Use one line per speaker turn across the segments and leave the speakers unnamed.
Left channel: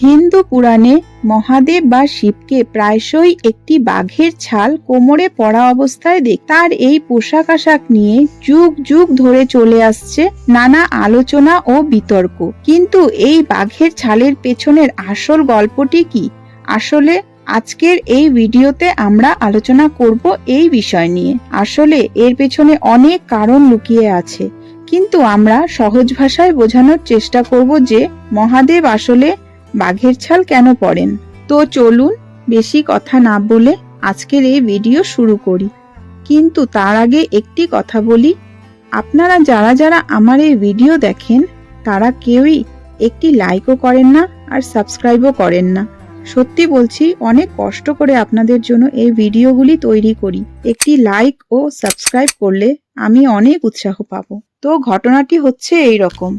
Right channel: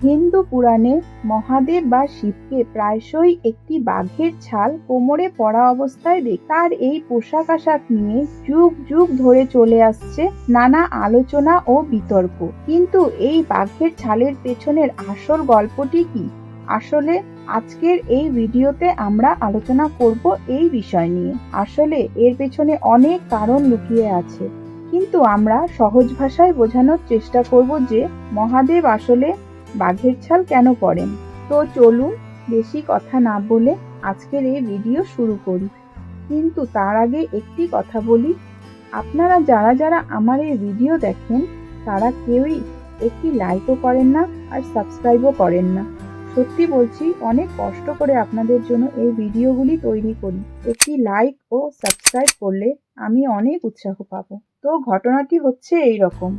হিন্দু পুরাণে মহাদেব বা শিবকে প্রায়শই একটি বাঘের ছাল কোমরে পরা অবস্থায় দেখ। তার এই পোশাক আশাক নিয়ে যুগ যুগ ধরে চলে আসছে নানা আলোচনা ও বিতর্ক। কিন্তু এই বাঘের ছালের পেছনের আসল গল্পটি কি? আসলে আজকের এই ভিডিওতে আমরা আলোচনা করব এই বিষয় নিয়ে। আসলে এর পেছনে অনেক কারণ লুকিয়ে আছে। কিন্তু আমরা সহজ ভাষায় বোঝানোর চেষ্টা করব যে মহাদেব আসলে বাঘের ছাল কেন পড়েন? তো চলুন বেশি কথা না বলে আজকের এই ভিডিও শুরু করি। কিন্তু তার আগে একটি কথা বলি। আপনারা যারা যারা আমার এই ভিডিও দেখেন, তারা কেউই একটি লাইকও করেন না আর সাবস্ক্রাইবও করেন না। সত্যি বলছি, অনেক কষ্ট করে আপনাদের জন্য এই ভিডিওগুলি তৈরি করি। একটি লাইক ও সাবস্ক্রাইব করলে আমি অনেক উৎসাহ পাবো। তো ঘটনাটি হচ্ছে এই রকম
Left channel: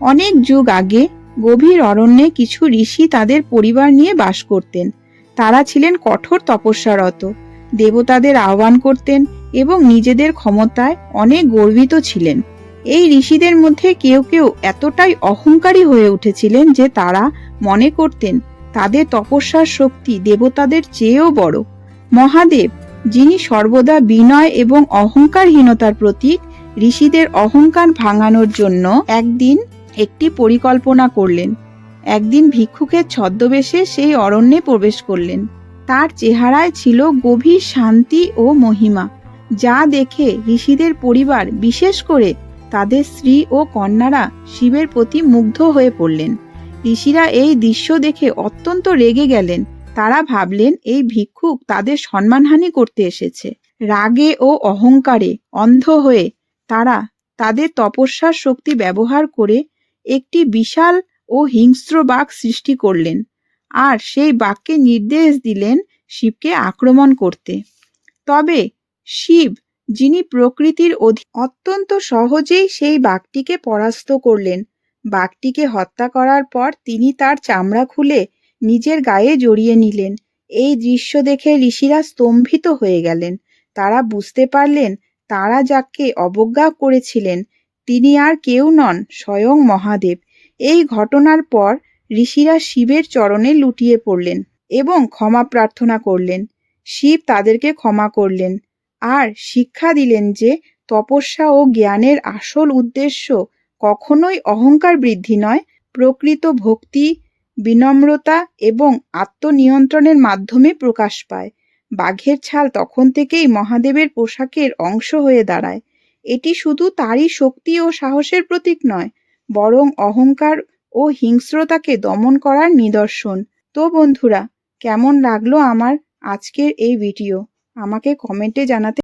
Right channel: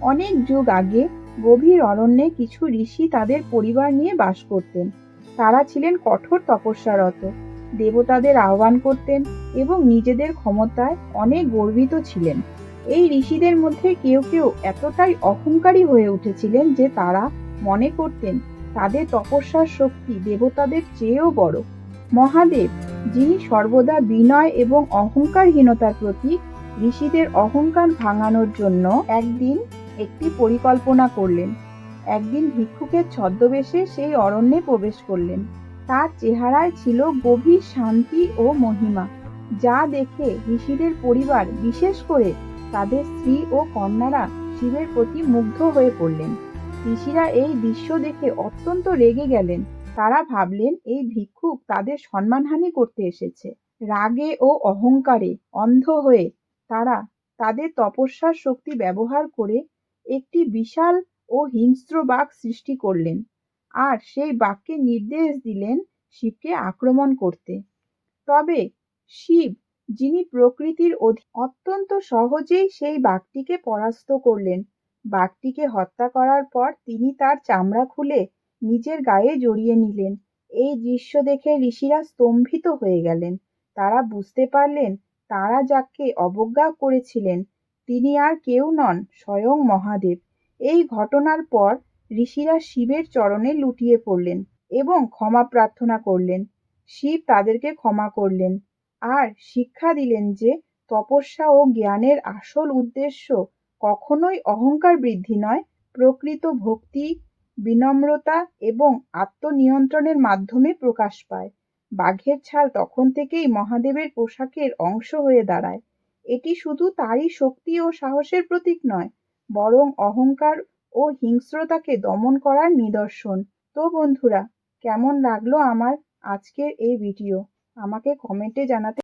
অনেক যুগ আগে গভীর অরণ্যে কিছু ঋষি তাদের পরিবার নিয়ে বাস করতেন। তারা ছিলেন কঠোর তপস্যারত। দেবতাদের আহ্বান করতেন এবং নিজেদের ক্ষমতায় অনেক গর্বিত ছিলেন। এই ঋষিদের মধ্যে কেউ কেউ এতটাই অহংকারী হয়ে উঠেছিলেন যে তারা মনে করতেন তাদের তপস্যার শক্তি দেবতাদের চেয়েও বড়। মহাদেব, যিনি সর্বদা বিনয় এবং অহংকারহীনতার প্রতীক, ঋষিদের অহংকার ভাঙানোর জন্য একদিন একটি পরিকল্পনা করলেন। একদিন ভিক্ষুকের ছদ্মবেশে সেই অরণ্যে প্রবেশ করলেন। তার চেহারায় ছিল গভীর শান্তি ও মহিমা, যা দেখে ঋষিদের পরিবার, বিশেষ করে তাদের স্ত্রী ও কন্যারা শিবের প্রতি মুগ্ধ হয়ে পড়লেন। ঋষিরা এই দৃশ্য দেখে অত্যন্ত রেগে গেলেন। তারা ভাবলেন, এই ভিক্ষুক তাদের সম্মানহানি করতে এসেছে। রাগে ও অহংকারে অন্ধ হয়ে তারা তাদের তপস্যার শক্তি ব্যবহার করে একটি বিশাল ও হিংস্র বাঘ সৃষ্টি করলেন আর সেই বাঘকে নির্দেশ দিলেন শিবকে আক্রমণ করতে। তবে শিব, যিনি প্রকৃতির অধি অত্যন্ত সহজেই সেই বাঘটিকে পরাস্ত করলেন। বাঘটিকে হত্যা করার পর তিনি তার চামড়া খুলে নিজের গায়ে জড়িয়ে নিলেন। এই দৃশ্য দেখে ঋষিরা স্তম্ভিত হয়ে গেলেন। তারা বুঝতে পারলেন তারা যাকে অবজ্ঞা করেছিলেন তিনি আর কেউ নন, স্বয়ং মহাদেব। এই ঘটনার পর ঋষিরা শিবের চরণে লুটিয়ে পড়লেন এবং ক্ষমা প্রার্থনা করলেন। শিব তাদেরকে ক্ষমা করলেন আর শিক্ষা দিলেন যে তপস্যা ও জ্ঞানের আসল উদ্দেশ্য কখনোই অহংকার বৃদ্ধি নয়, প্রকৃত ভক্তি, বিনম্রতা এবং আত্মনিয়ন্ত্রণের মাধ্যমে প্রকাশ পায়। বাঘের ছাল তখন থেকেই মহাদেবের পোশাকের অংশ হয়ে দাঁড়ায়। এটি শুধু তারই শক্তি ও সাহসের প্রতীক নয়, বরং অহংকার ও হিংস্রতাকে দমন করার নিদর্শন। তো বন্ধুরা, কেমন লাগল আমার আজকের এই ভিডিও? আমাকে কমেন্টে জানাতে